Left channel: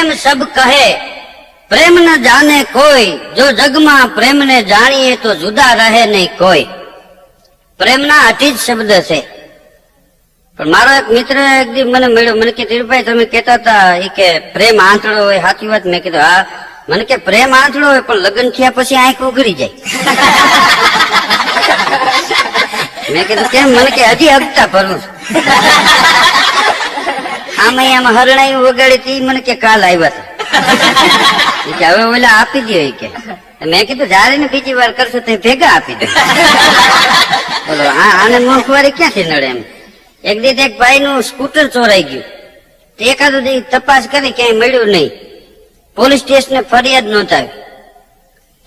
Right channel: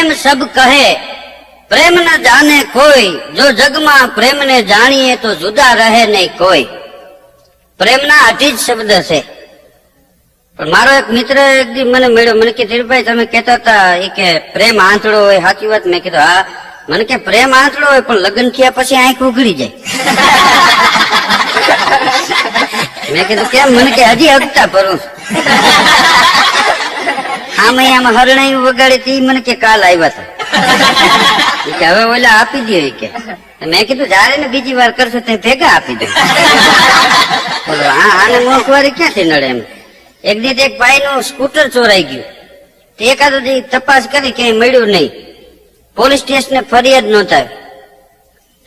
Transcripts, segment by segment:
प्रेम सब कहे प्रेम न जाने कोई जो जग में प्रेम ने जानिए तो जुदा रहे नहीं कोई। प्रेम ना अति ज शब्द से પણ મારો એક મિત્ર એક દી મને મળ્યો, મને કે ધીરભાઈ તમે કહેતા હતા એ કે પ્રેમ આંતળો હોય, સાચી વાત? મેં કીધું હા. મને કે પ્રેમ આંતળો હોય પણ લગ્ન થયા પછી આંખ ઉઘડી જાય. મેં કીધું કેમ? મને કે હજી હકતા ભરું આ મહિનામાં હરણાઈ વગાડી હતી, મને કે કાલ આવ્યા હતા કે હવે ઓલા આપી દો કે. મેં કીધું જયારે ને બીજી વાર કરશો તે ભેગા આપી દો. બોલો હા, આને મોંઘવારી ક્યાંથી નડે એમ. એક દિવસ એક ભાઈ નું સ્કૂટર ચોરાઈ ગયું. એકાદું દી તપાસ કરી ક્યાંય મળ્યું નહીં. પોલીસ સ્ટેશને ફરિયાદ નોંધાવી.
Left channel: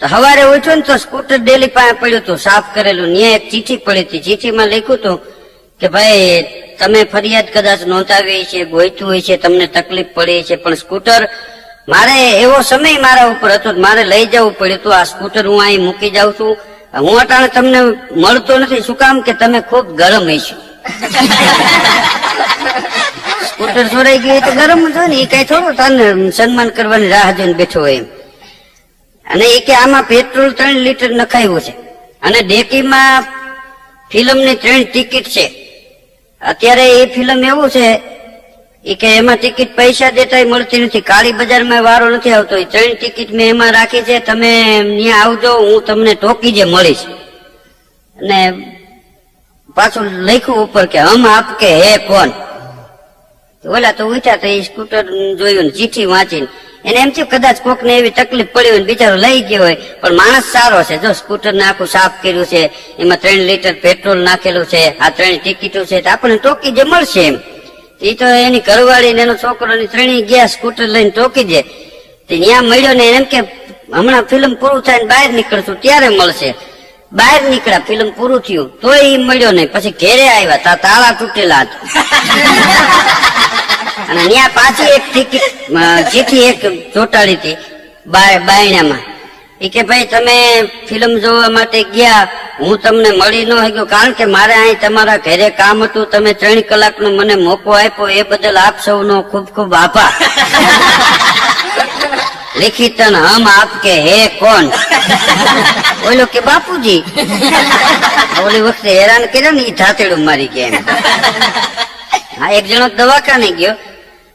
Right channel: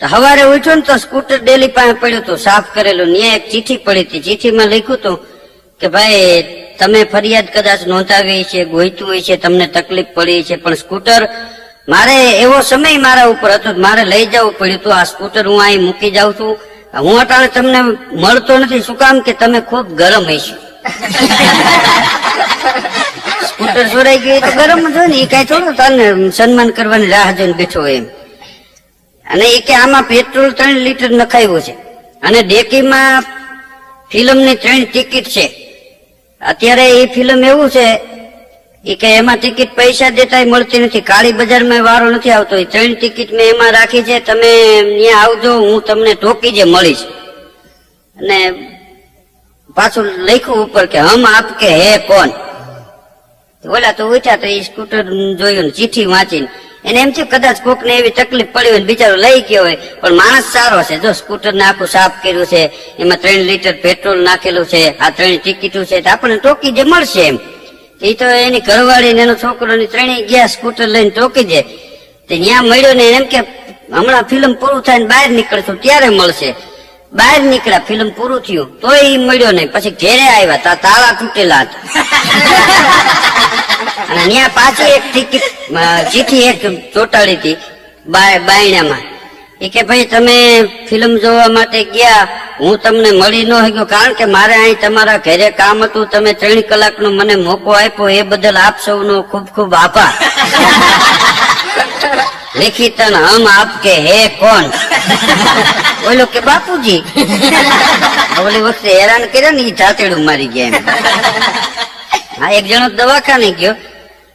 તો સવારે ઉઠ્યો ને તો સ્કૂટર ડેલી પાસે પડ્યું હતું, સાફ કરેલું. ત્યાં એક ચિઠ્ઠી પડી હતી. ચિઠ્ઠીમાં લખ્યું હતું કે ભાઈ તમે ફરિયાદ કદાચ નોંધાવી છે, ગોઈતું હોય છે, તમને તકલીફ પડી છે, પણ સ્કૂટર મારે એવો સમય મારા ઉપર હતો, મારે લઈ જવું પડ્યું હતું. આ સ્કૂટર હું અહીં મૂકી જાઉં છું. હું અટાણે તમને મળતો નથી. શું કામ? કે તમે ખુબ ગરમ હશો. સ્કૂટર ચોરાઈ ગયું તો ગરમ જ હોય ને, એ કઈ થોડું તને સન્માન કરવાની રાહ જોઈને બેઠો હોય એમ. અને એ કે આમાં પેટ્રોલ 3 લીટર નખાયું છે અને ડેકીમાં ફિલ્મની 3 ટિકિટ છે. અત્યારે એ ફિલ્મ એવું છે એ કે એમાં ટિકિટ પૈસા દેતા મળતી નથી, કાળી બજારમાં વારો નથી આવતો. એ 3 ટિકિટ મેં એમાં રાખી છે, તમે ત્યાં આવજો, હું તમને ટોકી જે મળીશ. અને પાછું લખ્યું ઉપર કે હમ આપ કે હે કોણ. તો ઓલા તો ઉઠ્યા તો એ સ્કૂટર જોયું ને ચિઠ્ઠી વાંચીને એને એમ થયું કદાચ કોક ને એવી તકલીફ પડી હોય, બિચારો લઈ ગયો હોય. પણ માણસ સારો છે, જો સ્કૂટર ને આખું સાફ કર્યું છે, એમાં 3 લીટર પેટ્રોલ નાખેલું છે, આ 3 ટિકિટો છે, આપણને ટોકી જે મળશે એમ. એ તો એની ઘરવાળી ને એનો છોકરો ને 3 ગયા સ્કૂટર લઈને ટોકી દે. ત્યાં મળ્યો ને એમ કે હમણાં ફિલ્મ પૂરું થાય ને બહાર નીકળશું ત્યારે મળશે. બહાર નીકળ્યા, ફિલ્મ પૂરું થયું તો એ મળ્યો નહીં. પછી ઘેરે આવ્યા તા તાળા તૂટેલા હતા. અને ત્યાં પાછી એક ટિકિટ ચીઠી એક ચોટાડી હતી બાયણામાં. એ કે ભાઈ તમે ફિલ્મ જોવા માટે ગયા, હું તમને મળી ન શક્યો કારણ કે મારે અહીં તમારા ઘરે કામ હતું, તમે 3 કલાકનો મને મોકો આપ્યો, એ બદલ આપ સૌનો ખૂબ ખૂબ આભાર. लिखितन हम आपके है कौन? बोलो के बापूजी. ओली वक्त हैरान કર્યા ને એ ધાતેડું મારી ગયા એમ. આ એક જણો દવાખાને ગયો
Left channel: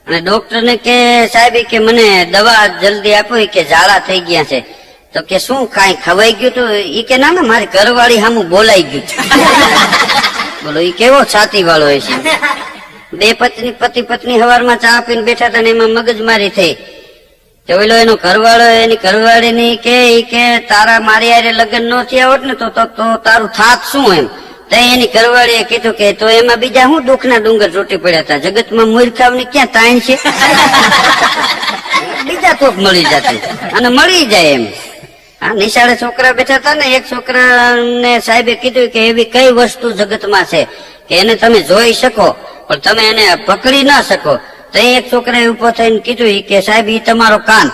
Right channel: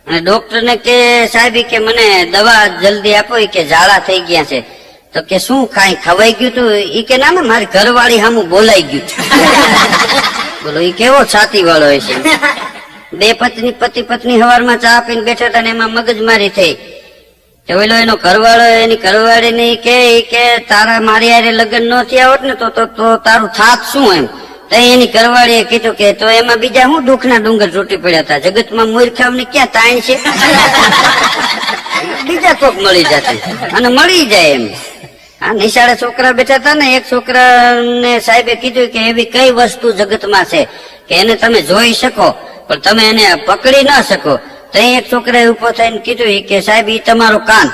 અને ડોક્ટર ને કે સાહેબ કે મને દવા જલ્દી આપો, કે ઝાડા થઈ ગયા છે. તો કે શું કાંઈ ખવાઈ ગયું તું? એ કે ના મારી ઘરવાળી સામું બોલાઈ ગયું. બોલો એ કેવો છાતી વાળો હોય છે. બે પતિ પત્ની સવારમાં ચા પીને બેઠા હતા ને એમાં મગજમારી થઈ. ઓલો એનો ઘરવાળો એની ઘરવાળી ની કે તારા મારી હારે લગ્ન ન થયા હોત ને તો તારું થાત શું એમ. તો એની ઘરવાળીએ કીધું કે તો એમાં બીજા શું દુઃખના ડુંગર ચોટી પડ્યા હતા, જગતમાં મૂર્ખાવની ક્યાં તાણ છે. બીજા કોક મળી જતા અને મળી જાય એમ. આ નિશાળે છોકરા બેઠા હતા ને, એક છોકરાને સાહેબે કીધું કે એવી કઈ વસ્તુ જગતમાં છે કે એને તમે જોઈ શકો પણ તમે એને પકડી ના શકો. તો એક છોકરાએ ઉભો થઈને કીધું કે સાહેબ ઈ તમારો કાન.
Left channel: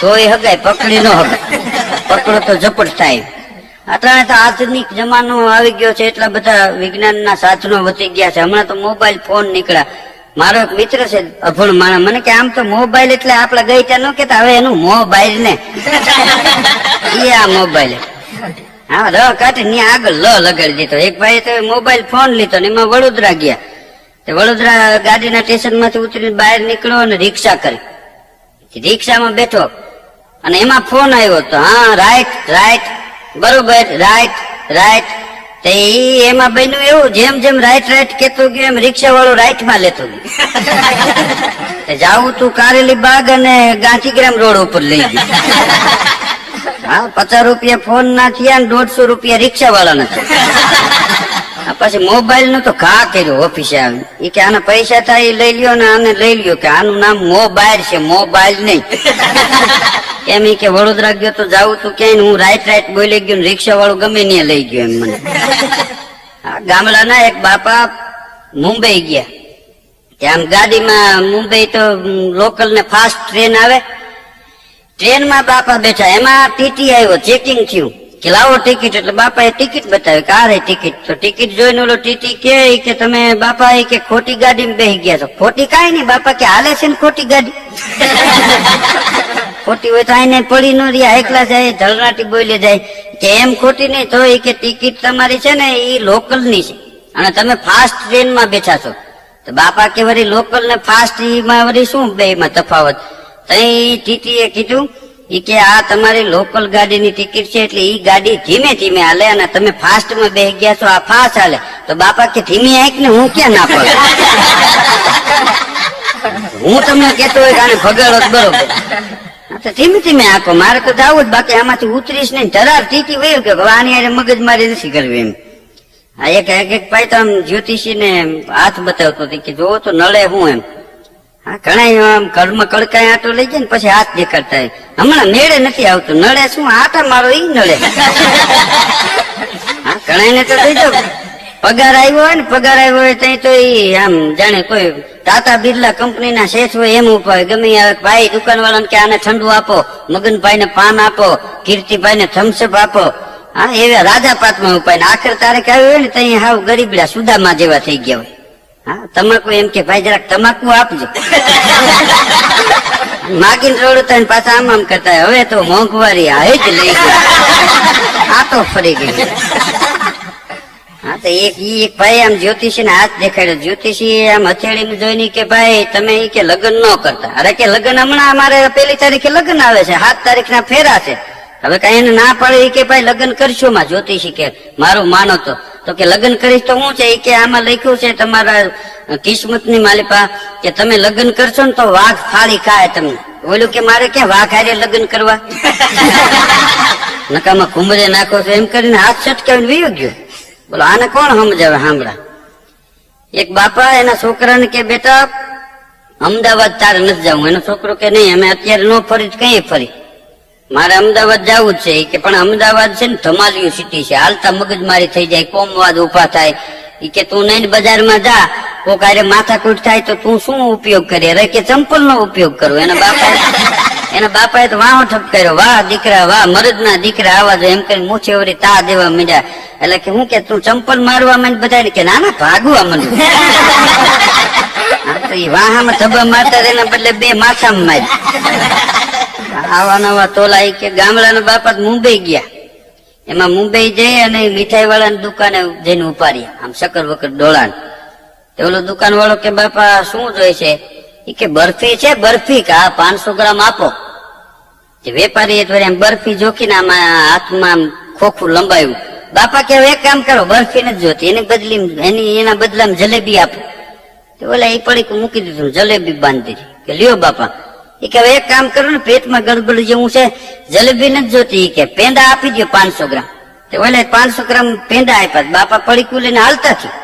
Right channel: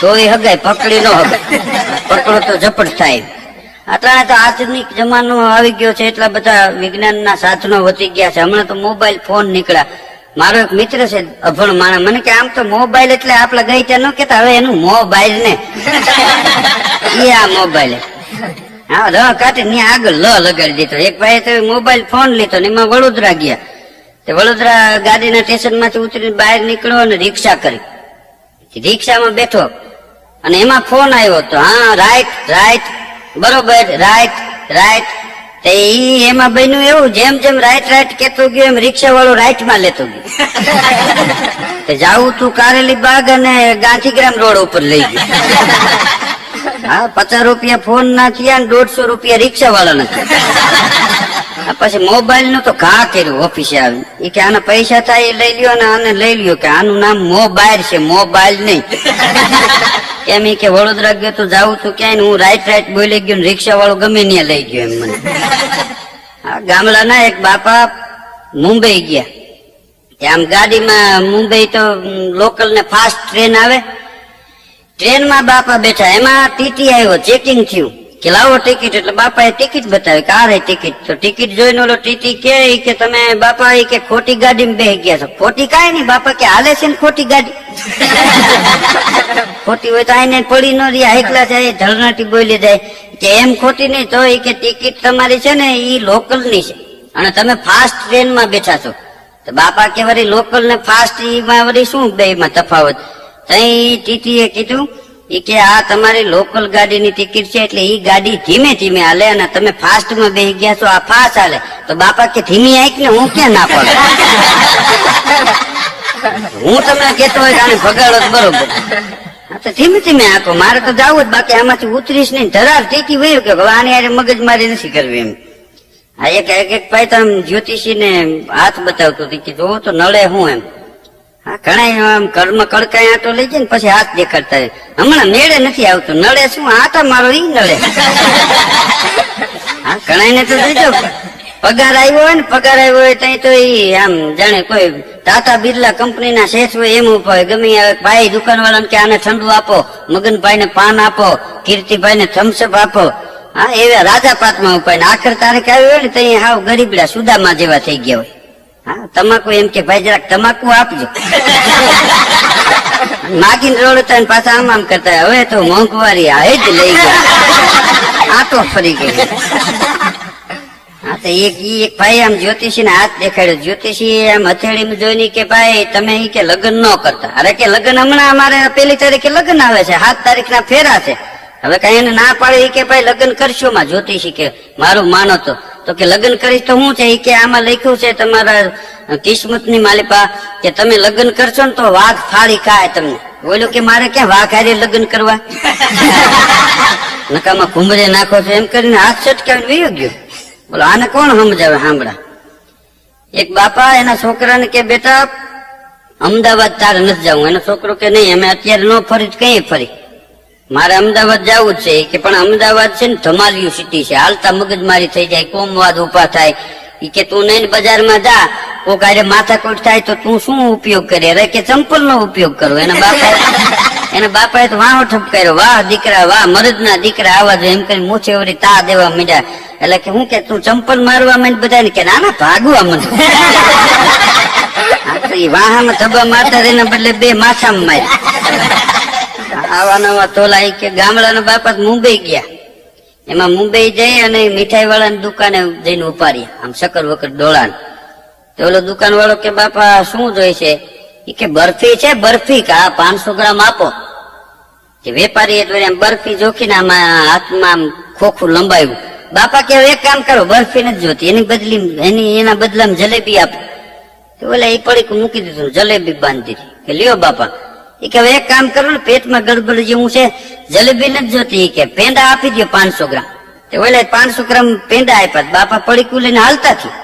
તો એ હગાય પકડી ન હગાય, પકડો તો ઝપટ થાય. અત્યારે તો આધુનિક જમાનો આવી ગયો છે, એટલા બધા વિજ્ઞાનના સાધનો વધી ગયા છે. હમણાં તો મોબાઈલ ફોન નીકળ્યા. મારો એક મિત્ર છે અભણ માણસ, મને કે આમ તો મોબાઈલ એટલે આપડે ગઈ ત્યાં ન કેતા, હવે એનું મોબાઈલ ને એ આ મોબાઈલ. હા ર કાઢી ત્યાં આગળ લગાડી દીધો. એક ભાઈ તો મોબાઈલ ફોન લીધો ને એમાં વડોદરા ગયા. વડોદરા ગાડીના સ્ટેશન માંથી ઉતરીને બહાર નીકળ્યો અને રિક્ષા કરી. રિક્ષામાં બેઠો અને એમાં ફોન આવ્યો તો હા રાઈટ રાઈટ બરોબર રાઈટ રાઈટ. તો એમાં બન્યું એવું, જેમ જેમ રાઈટ રાઈટ કેતો ગયો એમ રિક્ષા વાળો રાઈટ માં લેતો ગયો. જાવું તું કારેલી બાગ અને ગાંધીગ્રામ રોડ ઉપર લઈ ગયો. હા 50 રૂપિયા ફોન ના થયા ને 150 રૂપિયા રિક્ષા વાળા નથી. પછી મોબાઈલ નું તો ઘા કર્યું ઓફિસે આવ્યું. એ કે આને પૈસા થાય એ લઈ લ્યો ને આને લઈ લ્યો, કે આનું નામ મોબાઈલ છે, મોબાઈલ નહીં. એમ કે વડોદરા ગયો તો જાવું તો ક્યાંય, હું રાઈટ રાઈટ બોલી ગયો, રિક્ષા વાળો ગમે ત્યાં લઈ ગયો એમ મને. ગામડાના એક બાપા મુંબઈ ગયા. આમ ગાડીમાં મુંબઈ તો લોકલ ને ફાસ્ટ ટ્રેન આવે, ટ્રેનમાં બાપા બેઠા, એમાં ટીટી આવ્યો, ચેકિંગ થયું. કે લાવો ટિકિટ. એટલે બાપાએ ટિકિટ બતાવી કે આ રે ટિકિટ. તો ટિકિટ જોઈને ઓલો ટીટી કે તમે બાપા કે ખોટી ગાડીમાં બેસી ગયા છો. ખોટી કાંઈ નહીં બાપા કે હાલે છે ને ખોટી ગાડી. ખોટી હોય તો આઈને પડી ન રહ્યા એકલા જાય ધરનાટી બોલી જાય કે એમ ખોટી નહીં તો કે ટિકિટ તમારી છે ને એ લોકલ ની છે અને તમે ફાસ્ટ ટ્રેન માં બેઠા છો. તો બાપા કે વળી લોકલ ને ફાસ્ટ માં વળી શું બે માં તફાવત. તો ટીટી એ કીધું કે આ તમારી લોકલ ગાડીની ટિકિટ છે એટલે ઈ ગાડી ધીમે ધીમે હાલે અને તમે ફાસ્ટ માં બેસી ગયા છો આ ફાસ્ટ હાલે. તો બાપા કે ધીમી આવી ને હું ક્યાં ના પડે. હું તમને કેતો હોય કે ભગાડો બરોબર ધીમે ધીમે આપો મારે તો જવું જ બાકી આમાંથી ઉતરીશ નહીં. ધરાર ટીટી વયું કે આની યારે મગજ મારી નથી કરવી એમ. આ એક ભાઈ તો આમ જ્યોતિષી ને હાથ બતાવતો હતો કે જોવો તો નડે હું એમ. હા ઘણા આમ કર્મ કડકાય આટો લઈ જાય ને પછી હાથ દેખાડતા હમણાં મેળે નથી આવતો. નડે શું આટા મારો ઈ નડે. હા ઘણા ને તો દેજો પગાર આવ્યો હોય ને પગાર આવ્યો હોય તઈ તો ઈ આમ જાણે કોઈ ટાટા બિરલા કંપની ના શેઠ હોય એમ ઉપર ગમે ભાઈ દુકાન વાળાને કે આને ઠંડુ આપો, મગનભાઈ ને પાન આપો, કીર્તિભાઈ ને થમ્સઅપ આપો. હા એવા રાજા પાતમાં ઉપાય આખર તારીખ આવી હોય ને તઈ હાવ ગરીબડા સુદામા જેવા થઈ ગયા હોય. હા તમાકુ એમ કે ભાઈ જરાક તમાકુ આપજો. માગીને રોડતા પાછા આમ આમ કરતા હવે તો મોંઘવારી આ જ લઈ ગયા આ તો ફરી ગઈ. હા તો એક ભાઈ આમ જ્યોતિષી ને હાથ દેખાડ્યો. જ્યોતિષી આમ હથેળી જોઈને કે ભાઈ તમે કે લગ્ન ન કરતા. અરે કે લગ્ન હમણાં અમારે 1 તારીખે લગ્ન આવે છે, 7 તારીખ ના ફેરા છે. હવે કઈ એને ના પડે કે ભાઈ લગ્ન કરશો માં. જ્યોતિષી કે મારું માનો તો કે લગ્ન કરીશ તો શું છે કે આમાં લખ્યું છે તમારા કિસ્મત ની માલિપા કે તમે લગ્ન કરશો ને તો વાઘ ફાળી ખાય તમને. બોલ્યું કે મારે ક્યાં વાઘ હારે લગ્ન કરવા. નકામાં કુંભરે નાખો છો એમ કરીને હાથ છટકાવીને વયો ગયો. બોલો આને કોણ સમજાવે સાંભળા. એક બાપા એના છોકરાને કે બેટા અમદાવાદ તારે નથી જવું. એનો છોકરો કે નહીં અમે અત્યારે ન ફરી કઈ ફરી મારે અમદાવાદ જવું જ છે કે પણ અમદાવાદ છે ને ધમાલિયું સિટી છે, હાલતા મગજમારી થઈ જાય, કોમવાદ ઉભા થાય. કે તું નહીં બજારમાં જા કોક આરે માથાકૂટ થાય તો તું શું ઉપયોગ કરી. અરે કે ચંપલ નો ઉપયોગ કરો. એના બાપાએ તો વાહો ઠપકાર્યો વાહ દીકરા વાહ મરદ ના દીકરા આવા જો એમ કરી મૂછે વળી તા દેવા મળ્યા. એટલે કે હું કે તું ચંપલ મારવા માંડ બધા કે ના ના ભાગવા માંડું. વાહામાં ધબ્બા મારતા એના બદલે 2 માથામાં માર્યા. આવા નવા તોલા કે ગામડાના બાપા મુંબઈ ગયા. એમાં મુંબઈ જઈ અને મીઠાઈ વાળાની દુકાને જઈને ઉપાડી આમ શક્કર વકર ડોળા. તો ઓલો દુકાન વાળો કે બાપા શું જોઈ છે કે બરફી છે બરફી કા 500 ગ્રામ આપો. વેપારી એમ બરફી જોખીને આમાં હાથમાં આમ ખોખું લંબાયું. બાપા કે એક કામ કરો બરફી નથી જોતી એના બદલામાં જલેબી આપો. તો ઓલા એ પડી મૂકી દીધું જલેબી બાંધી કે લ્યો બાપા. એ કે એક કામ કરો ને પેટમાં ગડબડ જેવું છે જલેબી નથી જોતી કે પેંડા આપી દો 500 ગ્રામ. તો ઓલે 500 ગ્રામ પેંડા આપ્યા. બાપા પડીકું લઈને હાલતા થયું.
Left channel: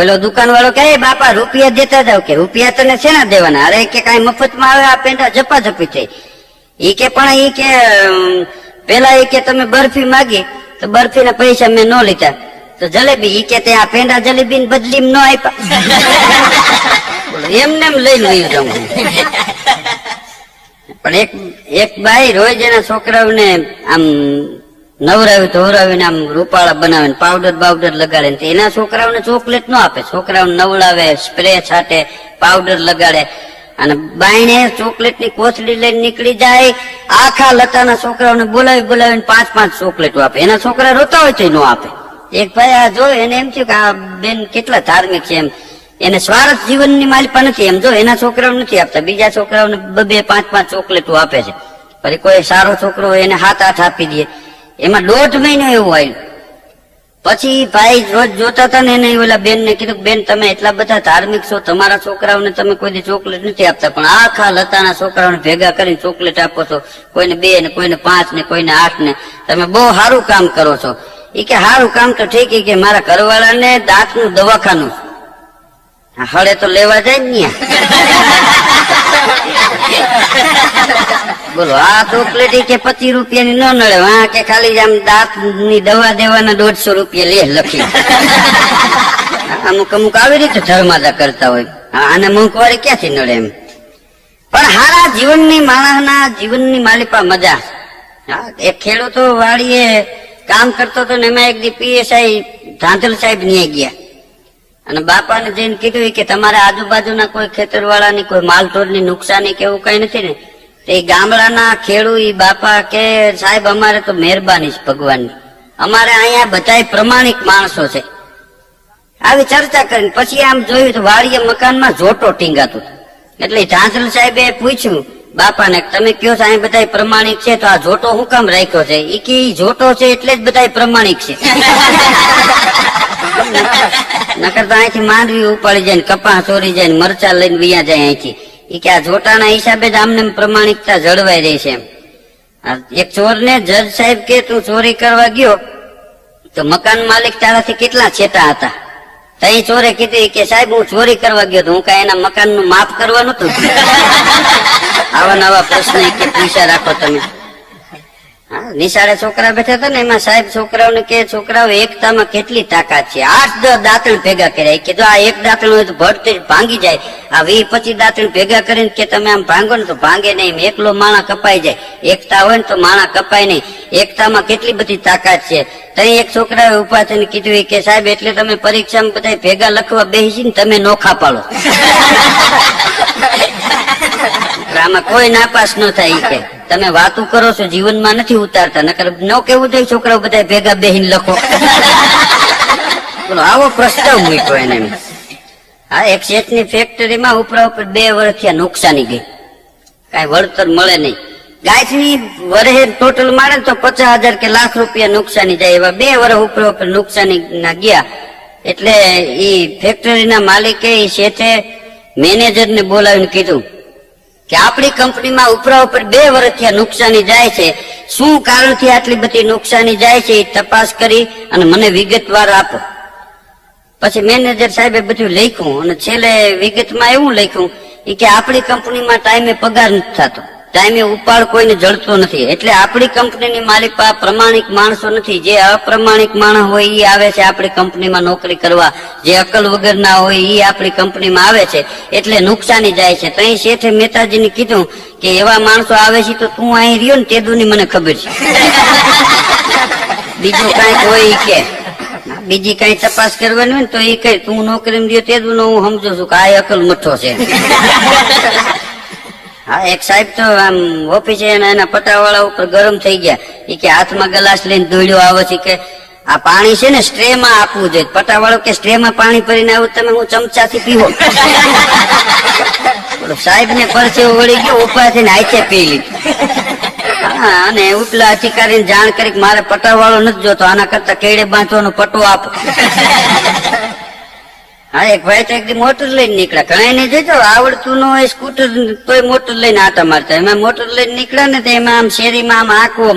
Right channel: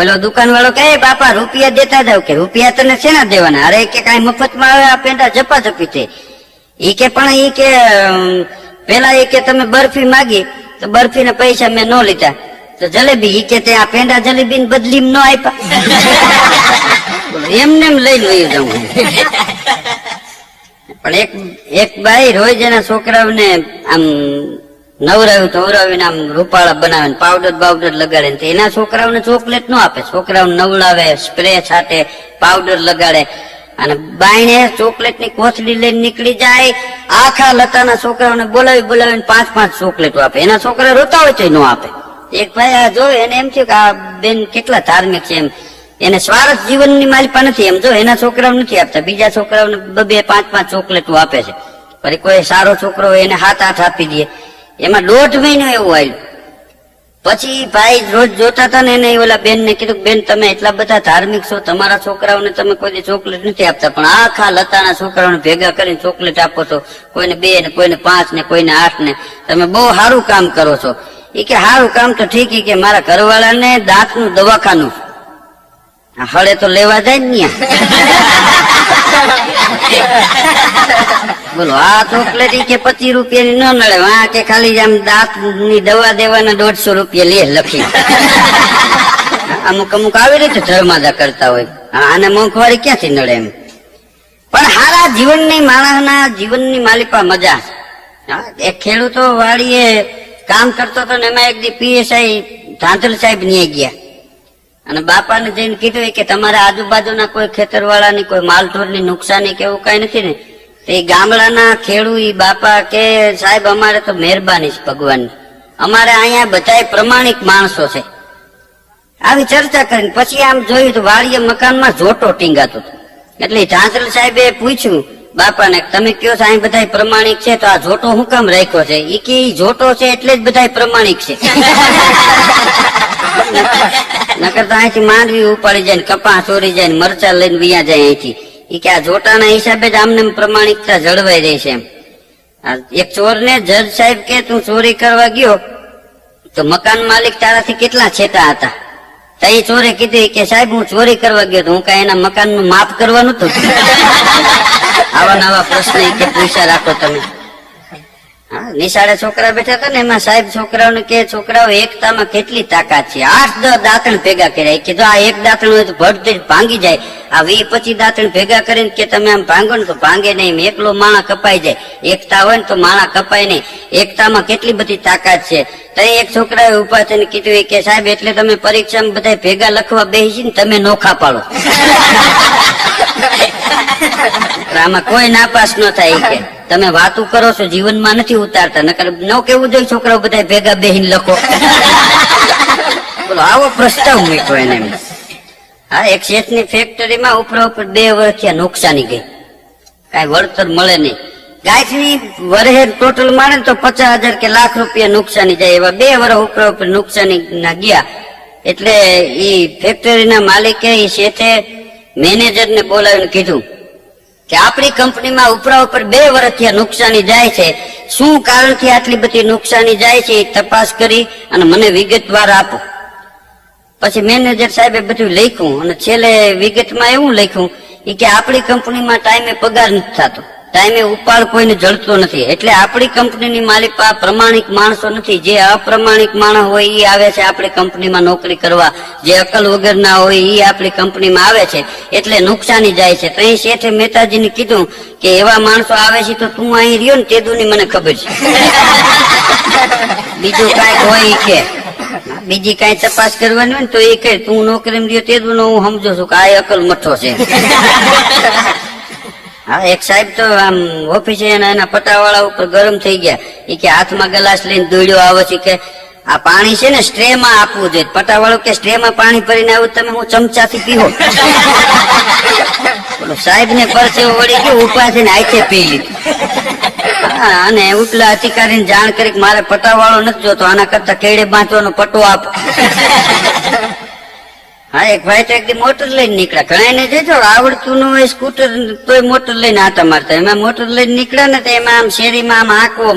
ઓલો દુકાન વાળો કે બાપા રૂપિયા દેતા જાવ. કે રૂપિયા તને શેના દેવાના. અરે કે કઈ મફત માં આવે આ પેંડા ઝપાઝપી થઈ. એ કે પણ એ કે પેલા એ કે તમે બરફી માગી તો બરફી ના પૈસા મેં ન લીધા તો જલેબી ઈ કે આ પેંડા જલેબી બદલી ન આપ્યા. એમને એમ લઈને વયું જાઉં. પણ એક ભાઈ રોજ એના છોકરાઓને આમ નવરાવીને આમ રૂપાળા બનાવે પાવડર બાવડર લગાડે. એના છોકરાઓને ચોકલેટ ન આપે. છોકરાઓને નવડાવે સ્પ્રે છાટે પાવડર લગાડે અને બાયણે ચોકલેટ ની કોથળી લઈને નીકળી જાય. આખા લતાના છોકરાઓને બોલાવીને 5 ચોકલેટો આપે. એના છોકરા રોતા હોય તો ન આપે. એક ભાઈ આ જો એને એમ થયું કે આ બેન કેટલા ધાર્મિક છે એમ. એને સ્વાર્થ જીવનની માલિપા નથી એમ. જો એના છોકરાઓ નથી આપતા બીજા છોકરાઓને 2-5 ચોકલેટો આપે છે. પછી કોઈ સારો છોકરો હોય એને 7-8 આપી દે. એમાં 1.5 મહિનો એવું આવ્યું. પછી ભાઈ રોજ જોતા હતા ને એને ઓલા બેન ને કીધું બેન તમે એટલા બધા ધાર્મિક છો તમારા છોકરાઓને તમે કોઈ ચોકલેટ નથી આપતા પણ આખા લતાના છોકરાઓને ભેગા કરી ચોકલેટ આપો છો. કોઈને 2 ને કોઈને 5 ને કોઈને 8 ને. તમે બહુ સારું કામ કરો છો. એ કે સારું કામ તો ઠીક કે મારા ઘરવાળાને દાંતનું દવાખાનું હળે તો લેવા જાય ને. બોલો આ ચોકલેટ કે 25 રૂપિયાની ન નડે. આ કે ખાલી આમ દાંત ની દવા દેવાના 150 રૂપિયા લે લખી. અમુક આવી રીતે ધર્માદા કરતા હોય. આને મોંઘવારી ક્યાંથી નડે એમ. પણ હારા જીવનની માણસના જીવનની માલિપા મજા. એક ખેડૂતો વાળીએ કામ કરતો હતો ને એમાં એક દી પીએસઆઈ ધાંધલ સાહેબ ન્યાય ગયા અને બાપાને જઈને કીધું કે તમારા આજુબાજુના કોઈ ખેતરવાળાની કોઈ માલઢોરની નુકસાની કે એવું કઈ નથી ને? તે ગામડાના ખેડૂત બાપા કે સાહેબ અમારે તો મહેરબાની છે ભગવાનની, અમારે અહીંયા બધા પ્રમાણિક માણસો છે. આવી ચર્ચા કરીને પછી આમ જોયું તો વાડીએ મકાનમાં જોટો ટીંગાતું હતું. એટલે ધાંધલ સાહેબે પૂછ્યું બાપાને, તમે કયો છો અહીં બધા પ્રમાણિક છે તો આ જોટો હું કામ રાખ્યો છે? ઈ કે જોટો છે એટલે જ બધા પ્રમાણિક છે. નકર તો અહીંથી માંડવી ઉપાડી જાય ને કપા ચોરી જાય ને મરચા લઈને વિયા જાય અહીંથી. ઈ કે આ જોટાના હિસાબે જ આમને પ્રમાણિકતા જળવાઈ રહી છે એમ. એક ચોર ને જજ સાહેબ કે તું ચોરી કરવા ગયો તો મકાન માલિક તારાથી કેટલા છેટા હતા? તો એ ચોરે કીધું કે સાહેબ હું ચોરી કરવા ગયો તો હું કઈ એના મકાન નું માપ કરવાનું હતું? આવા નવા પ્રશ્ન કે પૂછ્યા રાખો તમે. નિશાળે છોકરા બેઠા હતા ને એમાં સાહેબ છોકરાઓને કે છોકરાઓ એકતામાં કેટલી તાકાત છે. 8-10 દાંતણ ભેગા કર્યા કે જો આ એક દાંતણ હોય તો ભટ ભાંગી જાય, આ 20-25 દાંતણ ભેગા કરીને કે તમે આમ ભાંગો ને તો ભાંગે નહીં, એકલો માણા કપાઈ જાય. એકતા હોય ને તો માણા કપાય નહીં. એકતામાં કેટલી બધી તાકાત છે. તઈ એક છોકરાએ ઉભા થઈને કીધું કે સાહેબ એટલે તમે પરીક્ષામાં બધા ભેગા લખવા બેસીને તમે નોખા પાડો. આમાં કોઈ નાપાસ ન થાય કે તમે વાતો કરો છો જીવનમાં નથી ઉતારતા, નકર ન કેવું જોઈએ છોકરાઓ બધા ભેગા બેહીને લખો. બોલો આવો પ્રસ્તાવ મૂક્યો એને. હા, એક શેઠની ફેક્ટરીમાં ઉપરા ઉપર 2 વર્ષથી નુકસાની ગઈ, કઈ વળતર મળે નહીં. ગાયત્રી વરહે ટોટલ મારે તો 50,000 કે લાખ રૂપિયા નુકસાની જાય. એવા 2 વર્ષ ઉપરા ઉપર નુકસાની ના ગયા. એટલે એ ફેક્ટરીના માલિકે એ શેઠે મેનેજરને બોલાવીને કીધું કે આપણી કંપનીમાં ઉપરા ઉપર 2 વર્ષથી નુકસાની જાય છે, શું કારણથી આટલી બધી નુકસાની જાય છે એ તપાસ કરી અને મને વિગતવાર આપો. પછી મેનેજર સાહેબે બધું લખ્યું અને છેલ્લે વિગતમાં એવું લખ્યું કે આપણી કંપનીમાં ટાઈમે પગાર નથી થતો, ટાઈમે ઉપાડ કોઈને જડતો નથી. એટલે આપણી કંપનીની માલિક પ્રમાણિક માણસો નથી. જે અપ્રમાણિક માણસ હોય એ આવે છે આપણી કંપનીમાં નોકરી કરવા, જે અકલ વગર ના હોય એ આપણી કંપનીમાં આવે છે, એટલે નુકસાની જાય છે. તો એ શેઠે મહેતાજીને કીધું કે એવા માણસો આવે છે તો તું અહીં રહ્યો ને તેદુની મને ખબર છે, બીજું કઈક હોય કે બીજી કઈ તપાસ કરવાની હોય ને તો એ કહે તું નોકરી રહ્યો તેદુનો હું સમજો છું કે આ અકલ મઠો છે. હા, એક સાહેબ તો આમ ઓફિસે એના પટાવાળા ઉપર ગરમ થઈ ગયા. એ કે હાથમાં ગ્લાસ લઈને દોડ્યો આવો છે કે આ પાણી છે ને સ્ટ્રે માં આપવું જોઈએ. પટાવાળો કે સ્ટ્રે માં પાણી ભરીને આવું તમે હું ચમચાથી પીવો? સાહેબ ને પરસેવો વળી ગયો, ઉભા થઈને હાથે પી લીધું. અને ઉપલા અધિકારીને જાણ કરી કે મારે પટાવાળો નથી જોતો, આના કરતા કેડે બાંધવાનો પટો આપો. હા, એક ભાઈ તો એકદમ મોટર લઈને નીકળ્યા. ઘણા ને જતો આવડતું ન હોય સ્કૂટર તોય મોટર લઈને આટા મારતા. એમાં મોટર લઈને નીકળ્યા ને તો એમાં આમ શેરીમાં આમ આંકવો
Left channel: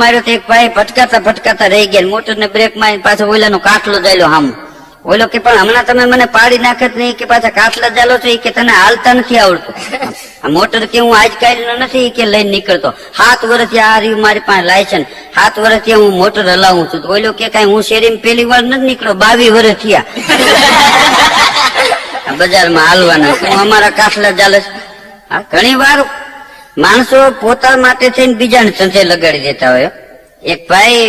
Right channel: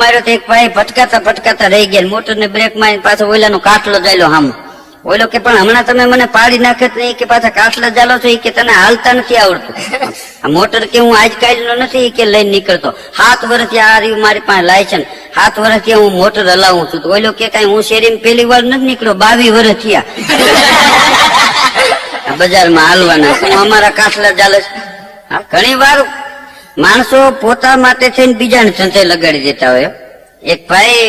માર્યો તો એક ભાઈ ભટકાતા રહી ગયા. મોટર ને બ્રેક મારી પાછો ઓલાનો કાટલો જાયલો હામ. ઓલો કે પણ હમણાં તમે મને પાડી નાખે નહીં કે પાછા કાટલા જાલો છો કે તને હાલતા નથી આવડતું. મોટર કે હું આજ કાઢેલો નથી કે લઈને નીકળતો. 7 વર્ષથી આ રહ્યું મારી પાસે લાયસન્સ, 7 વર્ષથી હું મોટર હલાવું છું. તો ઓલો કે કઈ હું શેરીમાં પહેલી વાર નથી નીકળ્યો, 22 વર્ષ થયા બજારમાં હાલવાના. હું અમારા કાટલા ચાલે છે. ઘણી વાર માણસો પોતા માટે થઈને બીજાને ધંધે લગાડી દેતા હોય. એક ભાઈ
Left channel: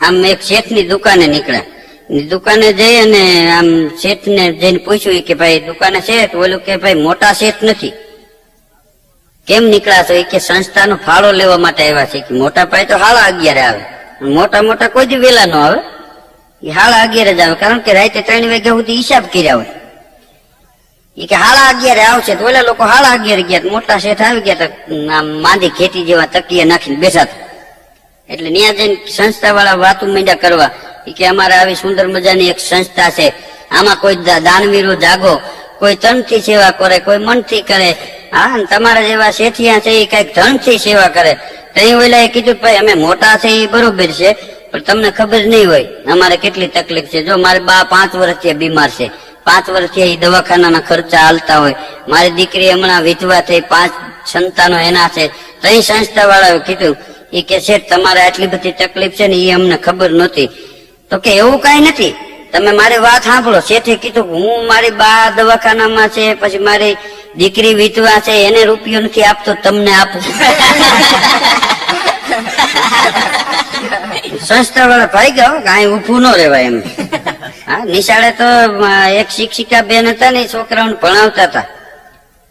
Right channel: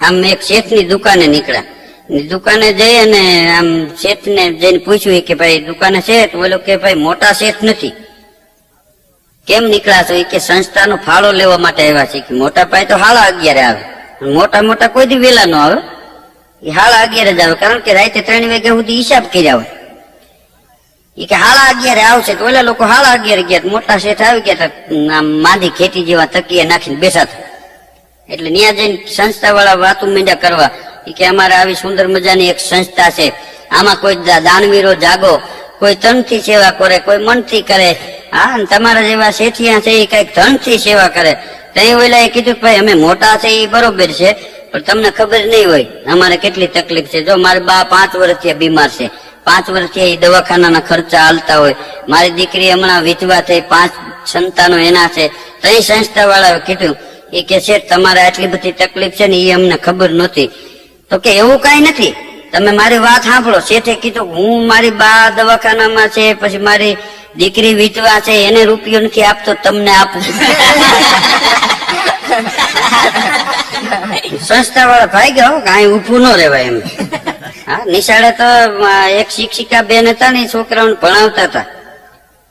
આમ એક શેઠની દુકાને નીકળ્યા. દુકાને જઈ અને આમ શેઠ ને જઈને પૂછ્યું કે ભાઈ દુકાને શેઠ? બોલો કે ભાઈ મોટા શેઠ નથી. કેમ નીકળ્યા છો? કે સંસ્થાનો ફાળો લેવા માટે આવ્યા છે. કે મોટા ભાઈ તો 11:30 આવે, મોટા કોઈ દી વેલા ન આવે, 11:30 જ આવે, કારણ કે રાતે 3 વાગ્યા સુધી હિસાબ કર્યા હોય. એ કે 11:30 આવશે. તો ઓલા લોકો 11:30 ગયા. મોટા શેઠ આવી ગયા, આમ માંદી ખેતી જેવા તકિયા નાખીને બેઠા હતા. એટલે ત્યાં જઈને સંસ્થા વાળા વાતો માંડ્યા કરવા કે અમારે આવી સુંદર મજાની એક સંસ્થા છે, આમાં કોઈ દાનવીરો જાગો, કોઈ તનથી સેવા કરે, કોઈ મનથી કરે. હા, તમારા જેવા શેઠિયા છે એ કઈક ધનથી સેવા કરે. તો એ ઓલા કીધું ભાઈ અમે મોટા છે એ બરોબર છે, પણ તમને ખબર નહીં હોય અમારે કેટલી તકલીફ છે. જો મારી બા 5 વર્ષથી બીમાર છે, 5 વર્ષથી એ દવાખાનાના ખર્ચા હાલતા હોય. મારી દીકરી હમણાં વિધવા થઈ, 5 સંતાનો એના છે. તો એ સંસ્થા વાળાએ કીધું એ કે શેઠ તમારે આટલી બધી તકલીફ છે ને એ અમને ખબર નહોતી. તો કે એવું કઈ નથી, તમે મારી વાત સાંભળો. શેઠે કીધું હું મારી બા દવાખાનામાં છે, પછી મારી દીકરી વિધવા છે, એને રૂપિયો નથી આપતો, તમને આપું. સંસ્થા વાળા ભાઈ ગયા કાંઈ ઉભું ન રહેવાય એમ. હા, નિશાળે તો એક શિક્ષિકા બેન હતા ને, છોકરાઓને ભણાવતા હતા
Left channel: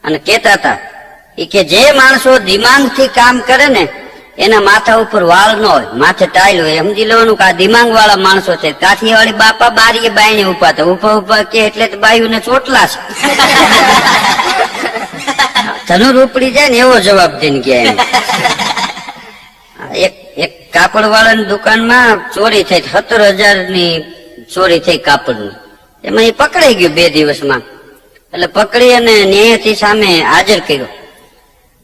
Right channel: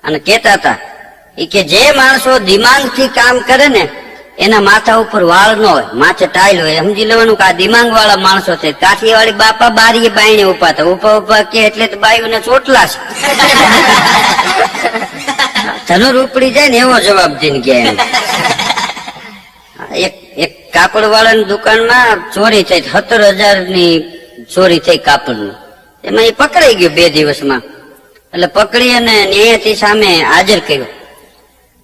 અને કેતા હતા કે જે માણસો દિમાગ થી કામ કરે ને એના માથા ઉપર વાળ ન હોય, માથે ટાઈલ હોય. સમજી લેવાનું કે આ દિમાગ વાળા માણસો છે. કાઠિયાવાડી બાપા બારીએ બાઈને ઉભા હતા, ઉભા ઉભા કે એટલે બાયુને ચોટલા છે. ધનુર ઉપડી જાય ને એવો જવાબ દઈને ગયા એમ. એક કાપડ વાળાની દુકાનમાં ચોરી થઈ, 17,000 ની ચોરી થઈ કાપડની. એમાં એ પકડાઈ ગયો 2 દિવસમાં. એટલે પકડી અને ન્યાયાધીશ સામે હાજર કર્યો.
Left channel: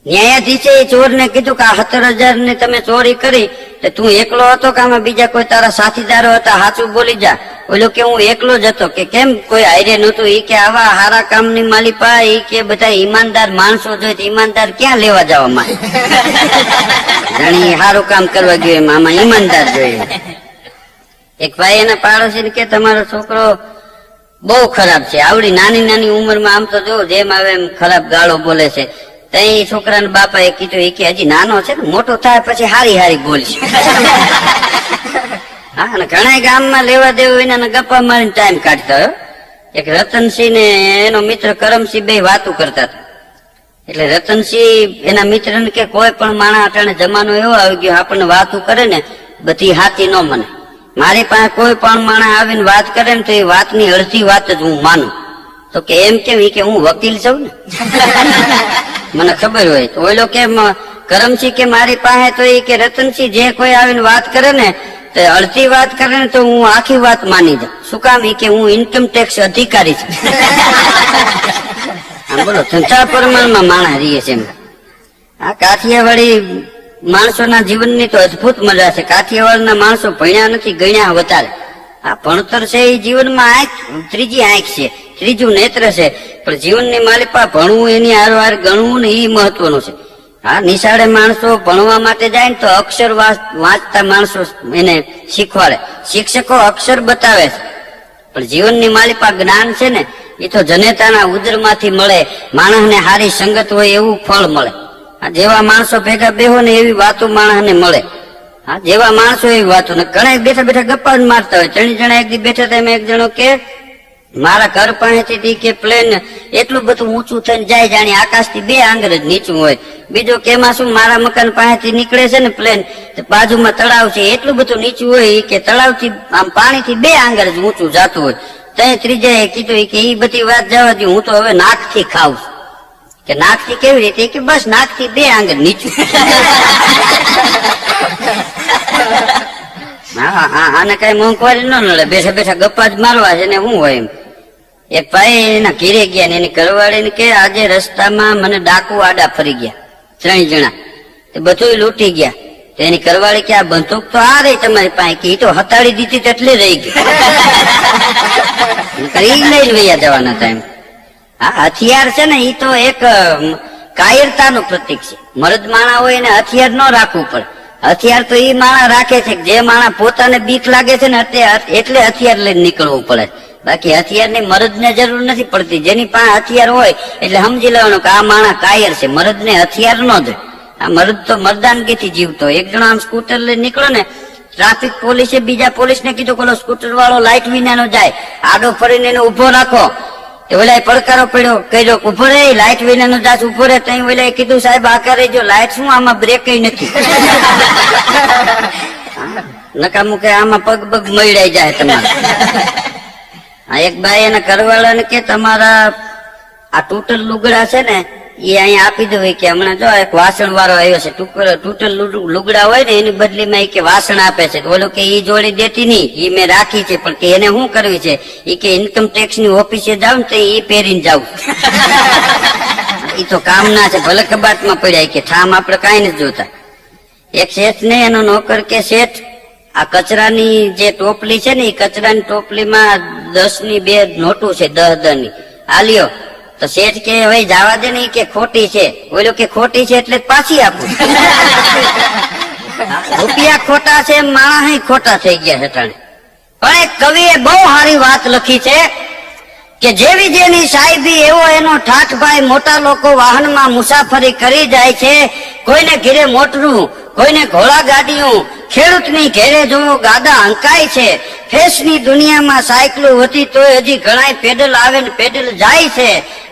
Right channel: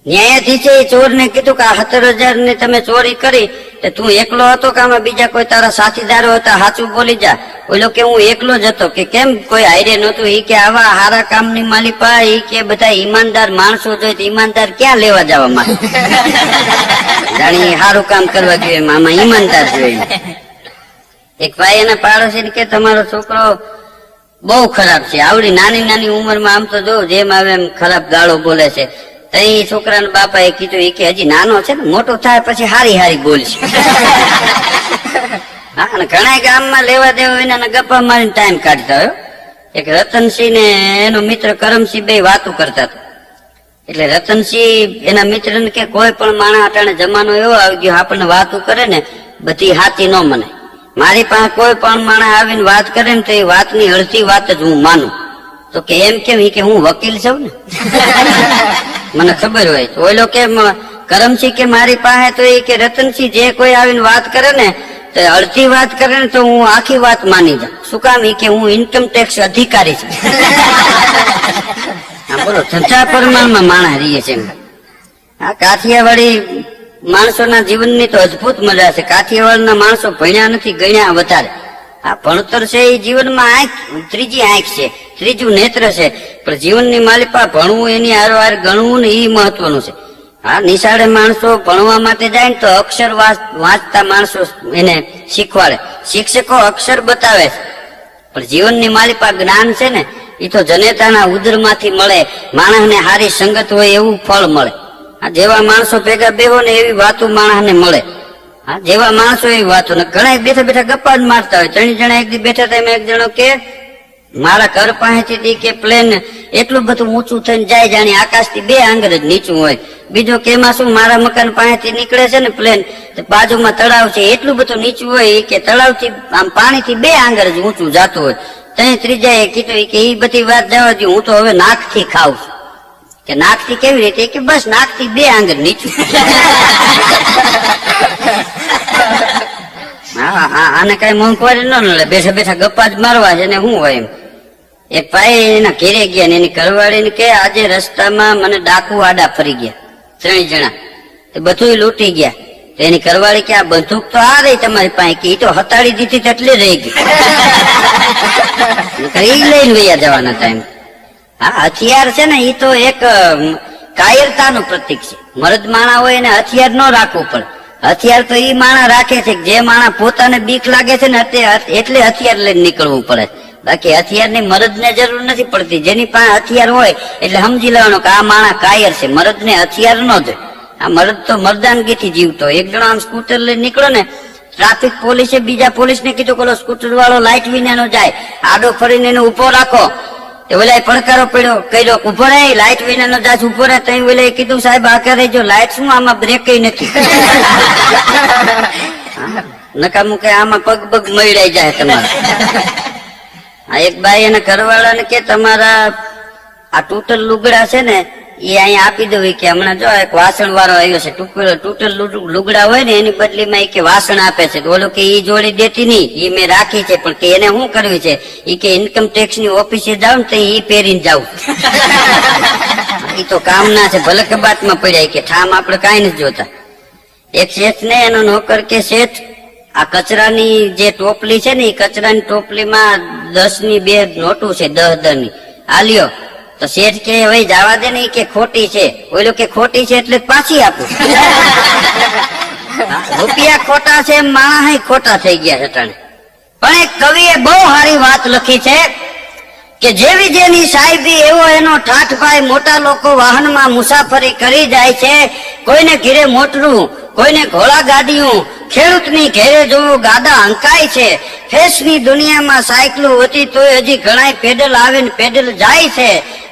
ન્યાયાધીશે ચોરને કીધું કે આ 17,000 ની તમે ચોરી કરી તો તું એકલો હતો કે આમાં બીજા કોઈ તારા સાથીદારો હતા? સાચું બોલી જા. ઓલો કે હું એકલો જ હતો. કે કેમ કોઈ હારે નતું? એ કે આવા હારા કામની માલિપા, એ કે બધા ઈમાનદાર માણસો જોઈએ તો ઈમાનદાર ક્યાં લેવા જવા માંગે? જાણી સારું કામ કરવા જોઈએ, આમાં ઈમાનદાર જોઈએ. એક ભાઈ એના પાડોશી કે તમારો છોકરો બહુ ખરાબ છે, આવડી નાની નાની ઉંમરમાં આમ તો જો જેમ આવે એમ ખરાબ ગાળો બોલે છે. તઈ છોકરાના બાપા એ કીધું કે હજી નાનો છે ને, મોટો થાય પછી હારી હારી બોલશે. હા, અને ઘણા ગામમાં લેવા દેવા વિના ગપ્પા મારીને ટાઈમ કાઢતા હોય. એક રતનસિંહ ને એનો મિત્ર કરમસિંહ બે વાતું કરતા હતા. એટલે રતનસિંહ એના મિત્ર ને કે કોઈ પણ માણસ અટાણે જમાનો એવો આવી ગયો આપણને વાતું કરે ને બધી હાથી ન મને. મારી પાસે કોઈ પણ માણસ આવીને વાત કરે ને તો એ વાતની અડધી વાત જ હું માનું. તો કે એમ કેમ? કે હું વકીલ છું ને, મને ખબર હોય. તો ઓલો કે કરમસિંહ કે મારી પાસે તો એ કે રતનસિંહ જે કોઈ આવીને વાત કરે ને તો અડધી વાત કરે ને તો હું આખી વાત માની જાઉં. શું કામ? એ કે હું ઇન્કમ ટેક્સ અધિકારી છું. આમ બોલો, સંચાર પ્રમાણમાં માણસ રહીએ છે એમ. આ કાઠિયાવાડી માણસોના જીવનની તો અદભુત મજા છે. કાઠિયાવાડના માણસો ભણ્યા નથી, ગણ્યા વધારે. આ ભણતર છે એ જીવનમાં આંખ, ત્રીજી આંખ છે, ત્રીજું નેત્ર છે. પણ જીવનની માલિપા ભણવું, એની હારવાર ગણવું ને એ મહત્વનું છે. હા, નિશાળે માણસો ભણવા માટે જાય ને તો અક્ષર વાંચતા માણસો એને શીખવાડે, શિક્ષકો અક્ષર બતાવે છે. પણ જીવનની માલિપા જ્ઞાન છે ને એ તો જનેતાના ઉદરમાંથી મળે. માણસને સારી સંગત હોય એવું ફળ મળે. જેવા માણસો ભેગા બેહો ને એવી વાતો માણસને મળે. હા, જેવા માણસો એવી વાતો. ને ઘણા બેઠા બેઠા ગપ્પા જ મારતા હોય. 3 જણા એક દી બેઠા હતા, એમાં એક જણો કે મારા ઘર પાસેથી કે પ્લેન એટલું બધું ઊંચું થઈને જાય જાણે આકાશથી 2 આંગળ જ નીચું હોય. બીજો કે એમાં શું, મારા મકાન પાસેથી નીકળે છે ને પ્લેન, તો બાજુમાં તળાવ છે, એટલું બધું નીચું હોય કે તળાવથી આમ પાણીથી 2 આંગળ જ ઊંચું જતું હોય. ત્યાં ત્રીજાએ કીધું કે એ બધી વાત જવા દઉં, હું તો હવે નાકથી ખાઉં છું. કે નાકથી કેવી રીતે? કે બસ નાકથી 2 આંગળ નીચું. આને કઈ મોંઘવારી ન નડે, બેઠા બેઠા ગપ્પા જ મારવા છે ને શું હોય એમ. એક ભાઈ એના ઘેરે ગયા ને એની ઘરવાળી ને કે આજે રસ્તામાં મને ડાકુ આડા ફરી ગયા 3 જણા, બધું લૂંટી ગયા. તો એની ઘરવાળી કે આ બંદૂક તો આ રહી તમારી પાસે, કે એ તો હતાડી દીધી એટલે રહી ગઈ. લઈને વૈયા જવાના હતા એમ. હા, હથિયાર છે ને એ તો એક કાયરતાનું પ્રતીક છે. મર્દ માણા હોય એને હથિયાર ન રાખવું પડે. હથિયાર તો ઈ માણા રાખે છે જે માણા પોતાને બીક લાગે છે ને એટલે હથિયાર લઈને નીકળવું પડે. બાકી હથિયારની મરદને જરૂર નથી પડતી. જેની પાસે હથિયાર હોય એટલે સમજી લેવાનું કે આ માણા કાયર છે, મરદને હથિયાર ન જોઈએ. આ મરદ તો મર્દાનગીથી જીવતો. એક જણો આમ સ્કૂટર લઈને નીકળો ને, ટ્રાફિક પોલીસે બીજા પોલીસને કીધું કે સ્કૂટર વાળો લાઈટ વિનાનો જાય, આડો ફરીને એને ઉભો રાખો. ઓલા પડકારો પડ્યો, કહ્યો ઉભો રે, લાઈટ વિનાનો જાત ઉભો રે. તઈ ઓલા કીધું સાહેબ આ કરે જો લાઈટ શું, આમાં બ્રેક નથી. નકામું કે આમાં પગ પગ મળાઈ જાય તમારે. એક ભાઈ એના ઘરવાળાને કે તમારા આ તૂટલ લુગડા છે ને એ અહીંયા આપી દો. કે હમણાં જો એક વાસણ વાળો આવ્યો છે, તૂટલ લુગડા હોય ને એની બદલીમાં કે વાસણ આપે છે. બોલો કે ઈ જોડી દેતી નહીં, એ મેં રાખી છે, પણ એને શું કરવી છે એ કે ઇન્કમ ટેક્સ ની ઓફિસે જાવ ને તો એ પહેરીને જાવ. એ તો કામ ના છે, ભલે કબાટમાં પડ્યા કે ઠામ આપડે કઈ નથી જોતા. એક શેઠ ને એનો નોકર કે શેઠ આ કચરાની જે ટોપલી છે ને એ કચરાની ટોપલીમાં 10 ની 2 નોટું છે, 10 ની આલ્યો. તો શેઠ કે હવે જવા દે ને કે ખોટી છે. બોલો કે ખોટી છે એટલે પાછી આપું. રૂપિયા ખોટા છે, માણસ ખોટા થઈ ગયા છે. પણ એક કવિએ બહુ સારી વાત લખી છે કે જેવી જેની સાહેબી એવો એનો ઠાઠભાઈ. મોટા લોકો વાહનમાં મુસાફરી કરી જાય છે, કોઈને ઘીરે મોટરું, કોઈને ઘોડા ગાડીયું ખેડૂતની ઘેરે જોવો ગાડા હંકાય છે, ફેશની દુનિયામાં સાયકલો હતી તોય હજી ઘણાય પેડલ આવે ને પેડલ જાય છે.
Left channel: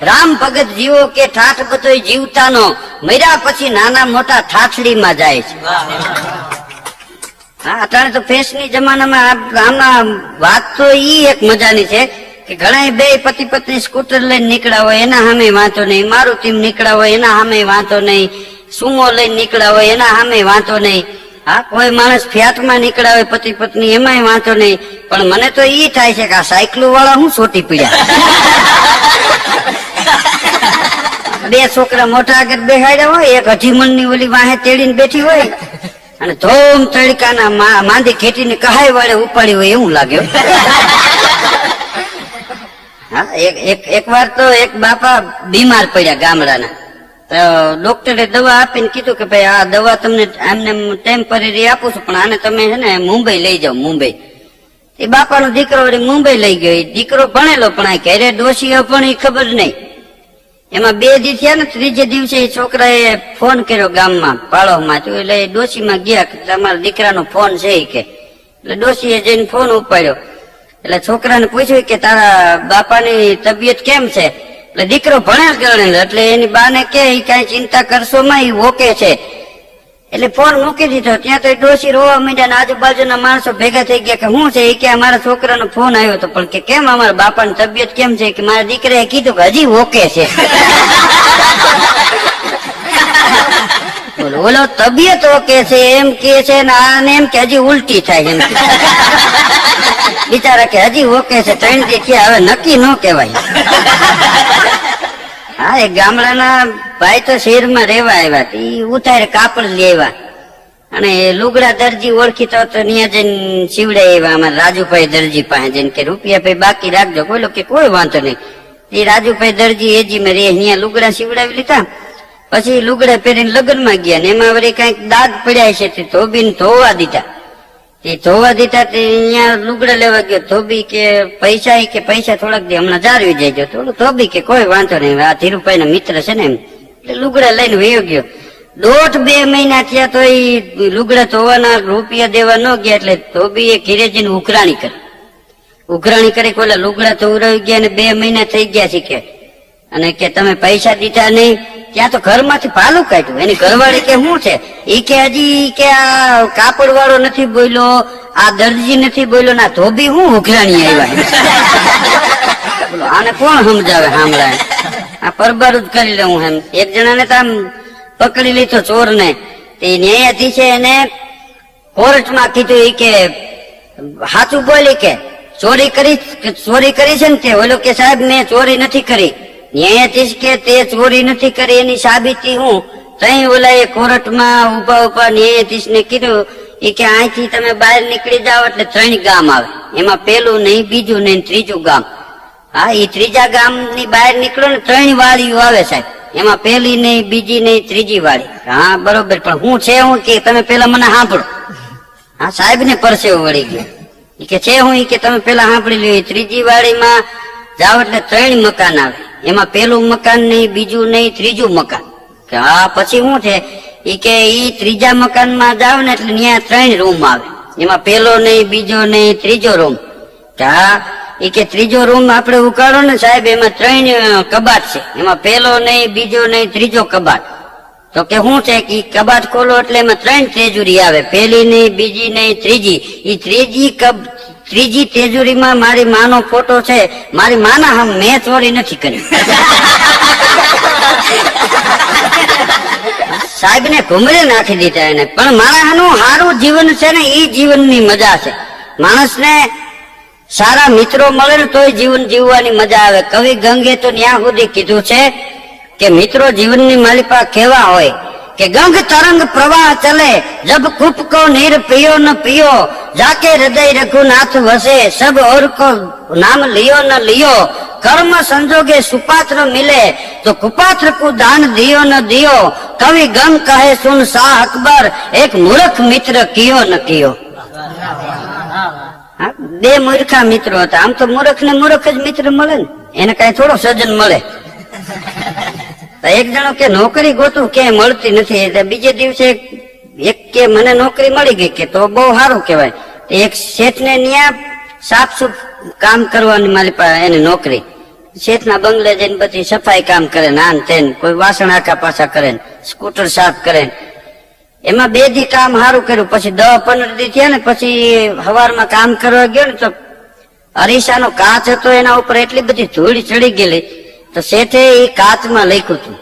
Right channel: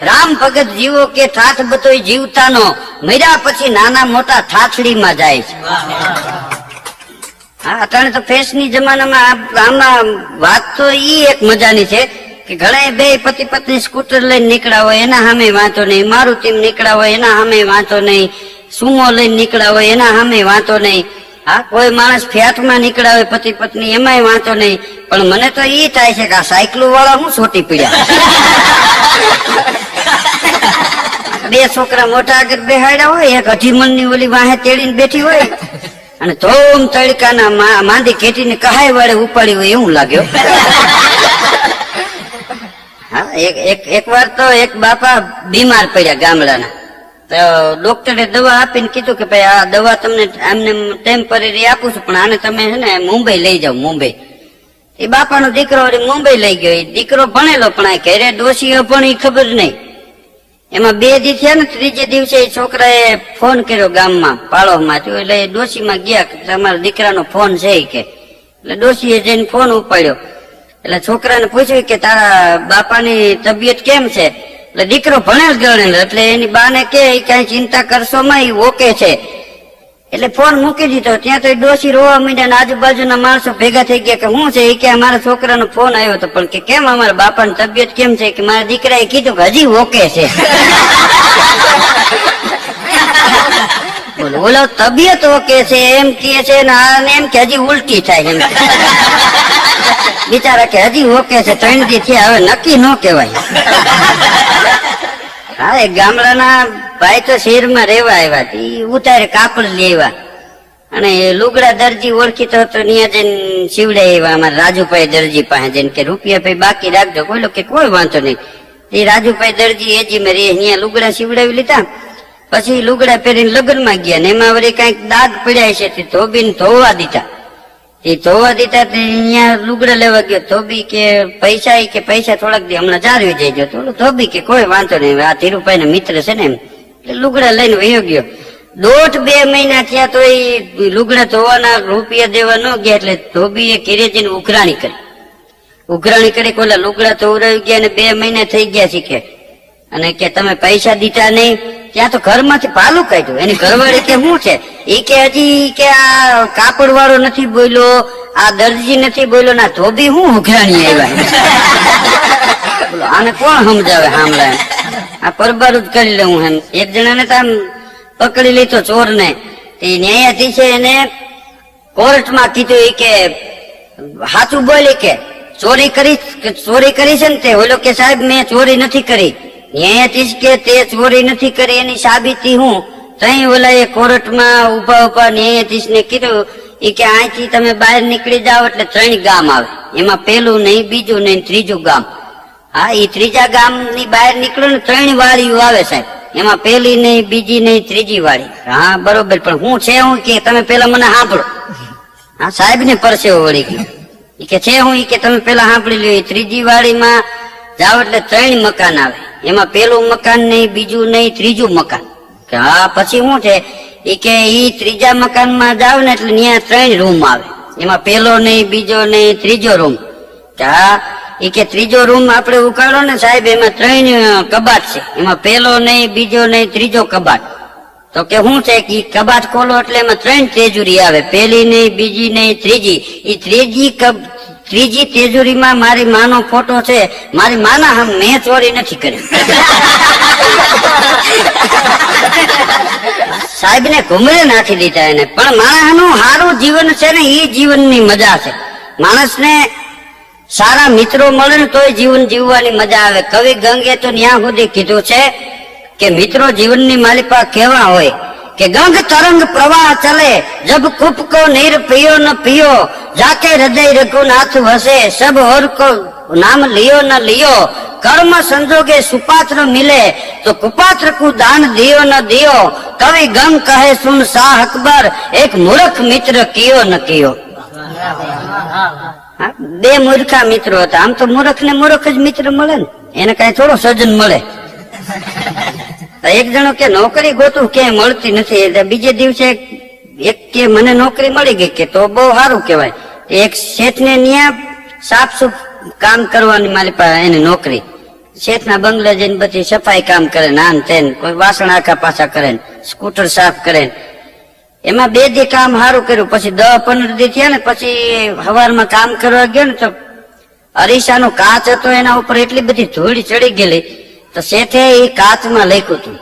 રામ ભગત જીવો કે ઠાઠ બતોય જીવતાનો, મર્યા પછી નાના મોટા ઠાઠડીમાં જાય છે. હા, અત્યારે તો ફેશની જમાનામાં આમાં વાત તો ઈ એક મજાની છે કે ઘણા બે પતિ પત્ની સ્કૂટર લઈને નીકળ્યા હોય એના સામે વાંધો નહીં, મારુતિ નીકળ્યા હોય એના સામે વાંધો નહીં, સુમો લઈને નીકળ્યા હોય એના સામે વાંધો નહીં. હા, કોઈ માણસ ફ્લેટમાં નીકળ્યા હોય પતિ પત્ની એમાંય વાંધો નહીં. પણ મને તો એ થાય છે કે આ સાયકલો વાળા હું સોટી પીડ્યા. બે છોકરા મોટા આગળ બેહાડ્યા હોય, એક અઢીમણ ની ઓલી વાહે તેડીને બેઠી હોય અને ધોમ તડકાના માંદી ખેતીને કહાય વડે ઉપાડી હોય એવું લાગ્યો. હા, એક વાર તો એક બાપા બીમાર પડ્યા ગામડાના, ડોક્ટરે દવા આપીને કીધું કે ભાઈ આ દવા તમને આમને ટેમ્પરરી આપું છું, પણ આને તમે છે ને મુંબઈ લઈ જાઓ. મુંબઈ એ બાપાનો દીકરો મુંબઈ લઈ ગયો. દીકરો ભણેલો પણ આ ઘેરે ડોશીઓ પણ એ ખબર નહીં. એમાં 2 દી થયા ને, ત્રીજે દિવસે એ છોકરાએ ફોન કર્યો ગામમાં પાળોમાં, એટલે ડોશીમાં ગયા કે તમારા દીકરાનો ફોન છે કે. એટલે ડોશીએ જઈને ફોન ઉપાડ્યો. એટલે છોકરાને પૂછ્યું કે તારા બાપાની તબિયત કેમ છે? એટલે દીકરો ભણેલ ગણેલ એટલે એની બાને કે કઈ ચિંતા કરશો માં, એ ઓકે છે. એટલે ફોન મૂકી દીધો. ત્યાં તો ડોશી રોવા માંડ્યા ને આજુબાજુના માણસો ભેગા થઈ ગયા કે શું છે? એ કે અમારા છોકરાનો ફોન આવ્યો હતો. પણ કે કેમ અમારા બાપાની તબિયત કેમ છે? કે મારા દીકરાએ કીધું કે હજી ઓકે છે. ઓલો તબિયત ઓકે છે એમ કે છે ને આને એમ કે હજી ઉલટી થાય એમ. બિચારા કે હજી ઓકે છે, 3 દી થયા, હવે નક્કી ન કહેવાય. હા, એ ગામડાના ભાઈ તો શહેરમાં રહેવા આવ્યા, ઉતારે કાપડ લેવા અને લુગડા દરજી ઓળખીતો તો ત્યાં જઈને શીવડે આવ્યા. અમારે રાજુભાઈ દરજી પાસે જઈને કે રૂપિયા ભાઈ બાકી રાખજો. બોલો કે કોઈ વાંધો નહીં. એ રાજુભાઈ દરજી એજી માં રે અહીંયા લુગડા શીવડાવી લીધા. પછી લુગડા પહેરીને લગ્નમાં ગયા ને એમાં વળી કઈક દાદ પડ્યા છે તે ધોબીને ધોવા દીધા. એ ધોવા દીધા તે અહીંયા લુગડા લેવા ગયો. ધોબી કે પૈસા થોડાક દે, હમણાં જાળવી જઈજો. થોડું ધોબી કે કોઈ વાંધો નહીં, આ ધીરુભાઈ ના મિત્ર છે ને એમ. એટલે લુગડા લઈને વયો ગયો. 1.5-2 મહિના થયા તો એ લુગડા ધોવાના રૂપિયા દેવા ન ગયા. એટલે ધોબીએ ઘેરે જઈને ઉઘરાણી કરી કોલા લુગડા ધોવરાવી ગયા અને 2 મહિના થઈ ગયા શીખે. અને કે તમે પૈસા દીધા નહીં. ત્યાં તો ઘરમાંથી ભાલું કાઢ્યું. એની ઘરવાળી કે શું છે? એ કે હજી કે આ કાપડ વાળો નથી બોલ્યો, આ દરજી નથી બોલ્યો, ના ધોબી હું ઉઘરાણી આવ્યા. આને કોણ સમજાવે? સાંભળાય આ પરબારું જ કરી લઉં એમ. એક જણાને તો આમ પકડી લીધો ચોર ને. ન્યાયાધીશે એને કોર્ટમાં કીધું એ કે સાચું બોલી કે ચોરી કરી છે ને તે? ઓલો કે સાહેબ મેં ચોરી નથી કરી. ન્યાયાધીશ કે તે ચોરી નથી કરી એની સાબિતી હું? તઈ ઓલા એ કોર્ટમાં ઉભા ન્યાયાધીશ ને કીધું એ કે અહીંથી તમે બહાર નીકળી જાઓ એટલે 3 ગામ આવે. એમાં પેલું નહીં, બીજું નહીં, ત્રીજું ગામ. હા, એ ત્રીજા ગામ ની બહાર નીકળો ને 3 વાળીઓ આવે છે. એમાં પેલી નહીં, બીજી નહીં, ત્રીજી વાળી. હા બરોબર, પણ હું છે હું કે તમે પેલા મને સાંભળો. હા, સાહેબ ને પરસેવો વળી ગયો. એ કે છે હું? કે તમે પેલા સાંભળી લો. ત્રીજી વાળીમાં જાઓ એટલે 3 મકાન આવે. એમાં પેલું મકાન નહીં, બીજું નહીં, ત્રીજું મકાન. કે હા પછી શું છે? એ કે ઈ ત્રીજા મકાનમાં જાવ ને એટલે ત્યાં 3 રૂમ આવે. એમાં પેલો નહીં, બીજો નહીં, ત્રીજો રૂમ. કે હા, એ કે ત્રીજો રૂમ આપણે ઉકાળો ને સાહેબ, એમાં 3 કબાટ છે. એમાં પેલો નહીં, બીજો નહીં, ત્રીજો કબાટ. તો કે શું છે? કે કબાટ ખોલો એટલે એમાં 3 તેજુરી આવે. પેલી નહીં, બીજી નહીં, ત્રીજી. એ ત્રીજી તેજુરીમાં મારી માનો ફોટો છે. મારી માના મેં ચોરી નથી કરી. સાહેબ ને ઘુમરે નાખી દીધા એને. પણ માણસનું સારું જીવન છે ને એ જીવનની મજા છે. માણસને સારા મિત્રો મળે ને તોય જીવન જીવવાની મજા આવે. કવિ ગંગે તો ત્યાં સુધી કીધું છે કે મિત્રો જીવનની માલિકા કેવા હોય કે ગંગ તરંગ પ્રવાહ ચલે, જબ કૂપ કો નીર पियो न पियो, जाके हृदय रघुनाथ वसे, सब और को नाम लियो न लियो, कर्म संजोगे सुपात्र मिले, तो कुपात्र को दान दियो न दियो, कवि गंग कहे सुन शाह अकबर, एक मूर्ख मित्र कियो न कियो. 2 મૂર્ખા મિત્રો હતા. આમ તો મૂર્ખ ને મૂર્ખ જ મિત્ર મળે ને, એને કઈ થોડો સજ્જન મળે. એક જણો કે નોકરી ગોતું કે મળતી નથી. બીજે દિવસે એક કે મને નોકરી મળી ગઈ કે તો બહુ સારું કહેવાય. એક શેઠને ન્યા સાફ સુફ કામ કરવાની મારી પાસે એની નોકરી. શેઠના બંગલે જઈને બધી સફાઈ કામ કરે ને આન તેન, કોઈ વાસણ આખા પાછા કરે ને સ્કૂટર સાફ કરે. એમાં 2 દી કામ સારું કર્યું, પછી 10-15 દી થયા ને પછી સવારમાં કામ કરવા ગયો ને તો અરીસાનો કાચ હતો, એના ઉપર એટલી બધી ધૂળ ચડી ગયેલી તો શેઠે એ કાચમાં લખ્યું હતું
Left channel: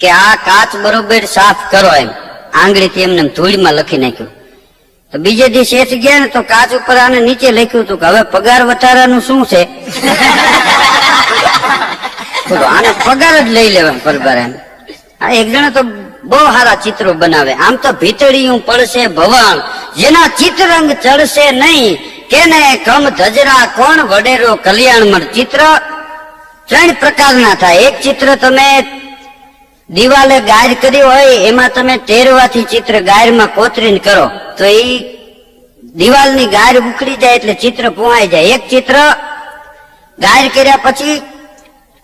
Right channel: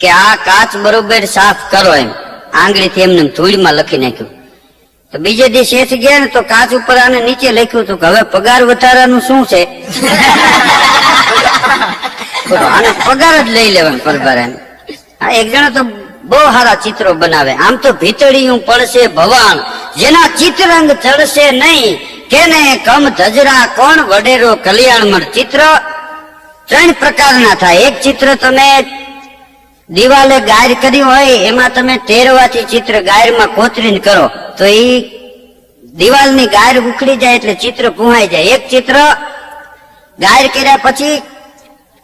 કે આ કાચ બરોબર સાફ કરો, એમ આંગળીથી એમને ધૂળમાં લખી નાખ્યું. તો બીજે દી શેઠ ગયા ને તો કાચ ઉપર આને નીચે લખ્યું હતું કે હવે પગાર વધારવાનું શું છે. આને પગાર જ લઈ લેવાનું પરબાર. આ એક જણા તો બહુ સારા ચિત્રો બનાવે. આમ તો ભીતળિયું પડશે ભવાન, જેના ચિત્રરંગ ચડશે નહીં, કેને કમ ધજરા કોણ વડેરો કલ્યાણમર. ચિત્રો 3 પ્રકારના થાય. એક ચિત્ર તમે દિવાલે ગાયર કરી હોય એમાં તમે ટેરવાથી ચિત્ર ગાયરમાં કોતરીને કરો તો એ દિવાલની ગાયર ઉખડી જાય એટલે ચિત્ર પુહાઈ જાય. એક ચિત્ર ગાયર કર્યા પછી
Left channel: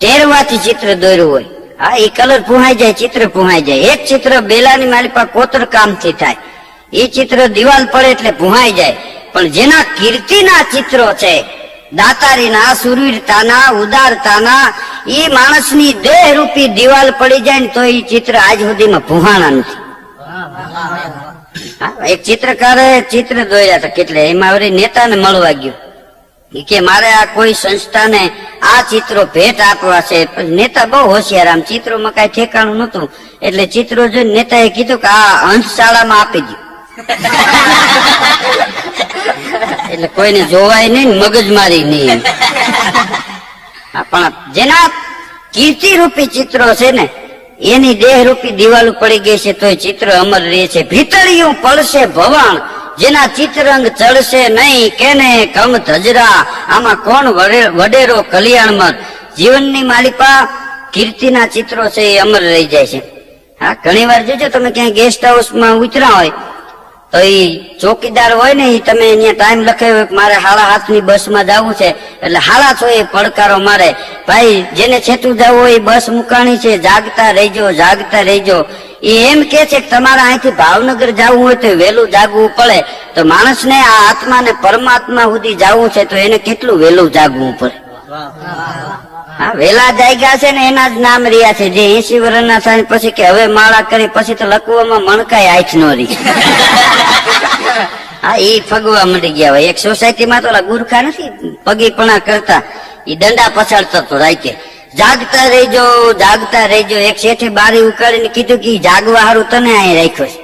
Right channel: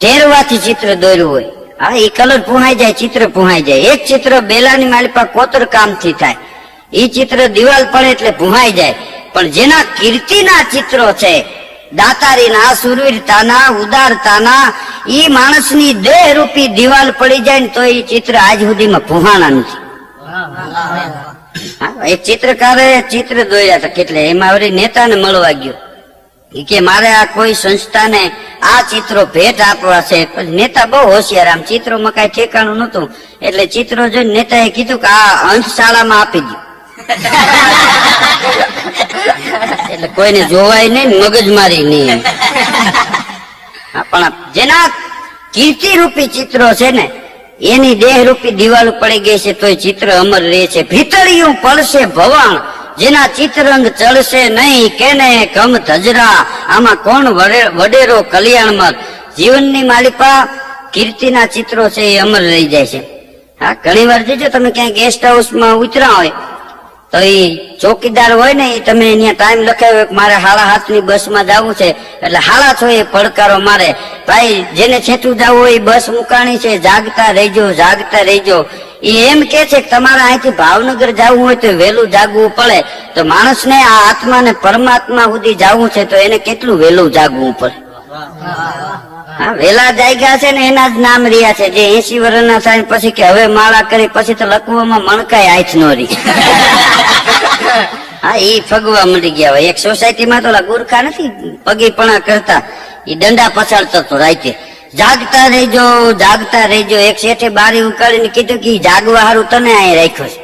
ટેરવાથી ચિત્ર દોર્યું હોય, હા એ કલર પુહાઈ જાય, ચિત્ર પુહાઈ જાય. એક ચિત્ર બેલાની માલિપા કોતર કામથી થાય, એ ચિત્ર દિવાલ પડે એટલે પુહાઈ જાય. પણ જેના કીર્તિના ચિત્રો છે, દાતારીના, સુરવીરતાના, ઉદારતાના, એ માણસની દેહરૂપી દિવાલ પડી જાય ને તો એ ચિત્ર આજ સુધીમાં પુહાણા નથી. એક ચિત્રકારે ચિત્ર દોર્યા હતા કેટલે, એમાં વળી નેતાને મળવા ગયો કે મારે આ કોઈ સંસ્થાને આ ચિત્રો ભેટ આપવા છે. નેતા બહુ હોશિયાર, આમ ચિત્રોમાં કઈ ઠેકાણું નતું એટલે ચિત્રો જોઈને નેતાએ કીધું કે આ અંશશાળામાં આપી દો. એટલે કોઈને જોવાય નહીં, મગજમારી નહીં. પણ જેના કીર્તિ રૂપી ચિત્રો છે ને એની દેહ રૂપી દિવાલ પડી ગઈ છે તો ચિત્ર અમર રહે છે. ભીતળિયું પડશે ભવાન, જેના ચિત્રરંગ ચડશે નહીં, કેને કમ ધજરા આમાં કોણ વડેરો કલ્યાણમાં. જીવનની માલિપા કીર્તિના ચિત્રો છે એ અમર રહી જાય છે. હા, ઘણી વાર જોજો તમે ક્યાંય ગેસ્ટ હાઉસમાં ઉતરા હોય તો એ ચોકીદાર હોય ને એ તમે અહીંયા ટાઈમ લખાવ્યો મારે 7:30 બસમાં જવું છે એટલે 7:30 પડકારો મારે, ભાઈ જેને છેટું જવું હોય બસ મુકાણી છે, જાગતા રહેજો જાગતા રહેજો. એ એમ કે છે કે તમારે અહીંથી ભાવનગર જવું હોય તો વહેલું જાગવું પડે. તો માણસને આ આત્માને પરમાત્મા સુધી જવું છે તો એને કેટલું વહેલું જાગવું પડે. હા, વેલા જાગ્યા છે ને એના જ નામ રહ્યા છે. જે 80 વર્ષના થાય પછી કે હવે માળા કરી પછી તો લખવામાં મણકાય હાથ નો રહી. હા, ઈ ફગવા મળી ગયા હોય. એક સોસાયટીમાં તો ગુરખા નથી પગીપણા કરતા, એ દંડા પછાડતો તો રાતે જાગતા રહેજો જાગતા રહેજો. એક શેઠે બારી ઉકાળીને કીધું કે જાગવા હારું તને અહીં રાખ્યો છે,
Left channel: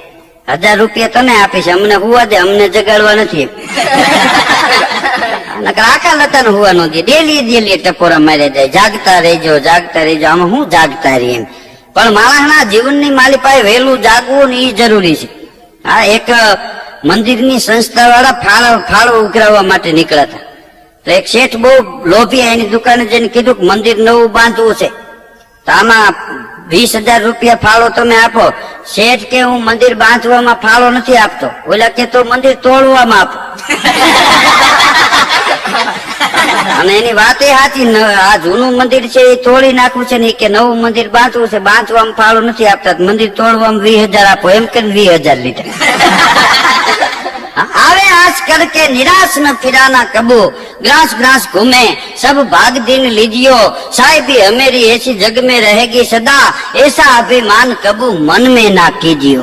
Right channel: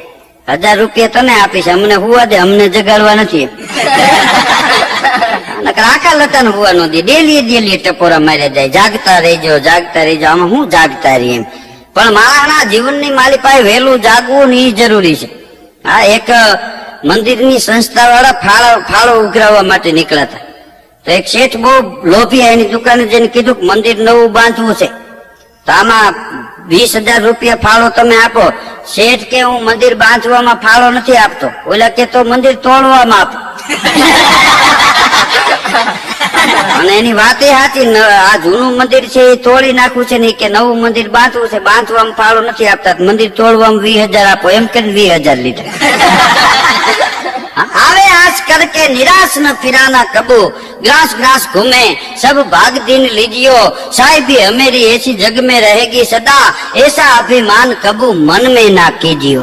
1000 રૂપિયા તને આપીશ, અમને હુવા દે, અમને જગાડવા નથી. આખા લતા હુવા નો દે, ડેલી ટકોરા માર્યા જાય, જાગતા રહેજો જાગતા રહેજો. આમાં હું જાગતા રહી એમ. પણ માણસના જીવનની માલી પાસે વહેલું જાગવું ને એ જરૂરી છે. હા, એક મંદિરની સંસ્થા વાળા ફાળો ઉઘરાવવા માટે નીકળ્યા હતા. તો એક શેઠ બહુ લોભી એની દુકાને જઈને કીધું કે મંદિર નવું બાંધવું છે તો આમાં 20,000 રૂપિયા ફાળો તમે આપો. શેઠ કે હું મંદિર બાંધવામાં ફાળો નથી આપતો. ઓલા કે તો મંદિર તોડવામાં આપો. અને એની વાત એ સાચી, આ જૂનું મંદિર છે એ તોડી નાખવું છે ને કે નવું મંદિર બાંધવું છે, બાંધવામાં ફાળો નથી આપતા, મંદિર તોડવામાં 20,000 આપો. એમ કે 20,000 લીધા. आवे आज करके निराश न फिराना कबू, ग्रास ग्रास घूमे सब भाग दिन लीजियो, साहिबी हमेरी ऐसी जग में रहेगी सदा, ऐसा अभिमान कबू मन में ना कीजियो.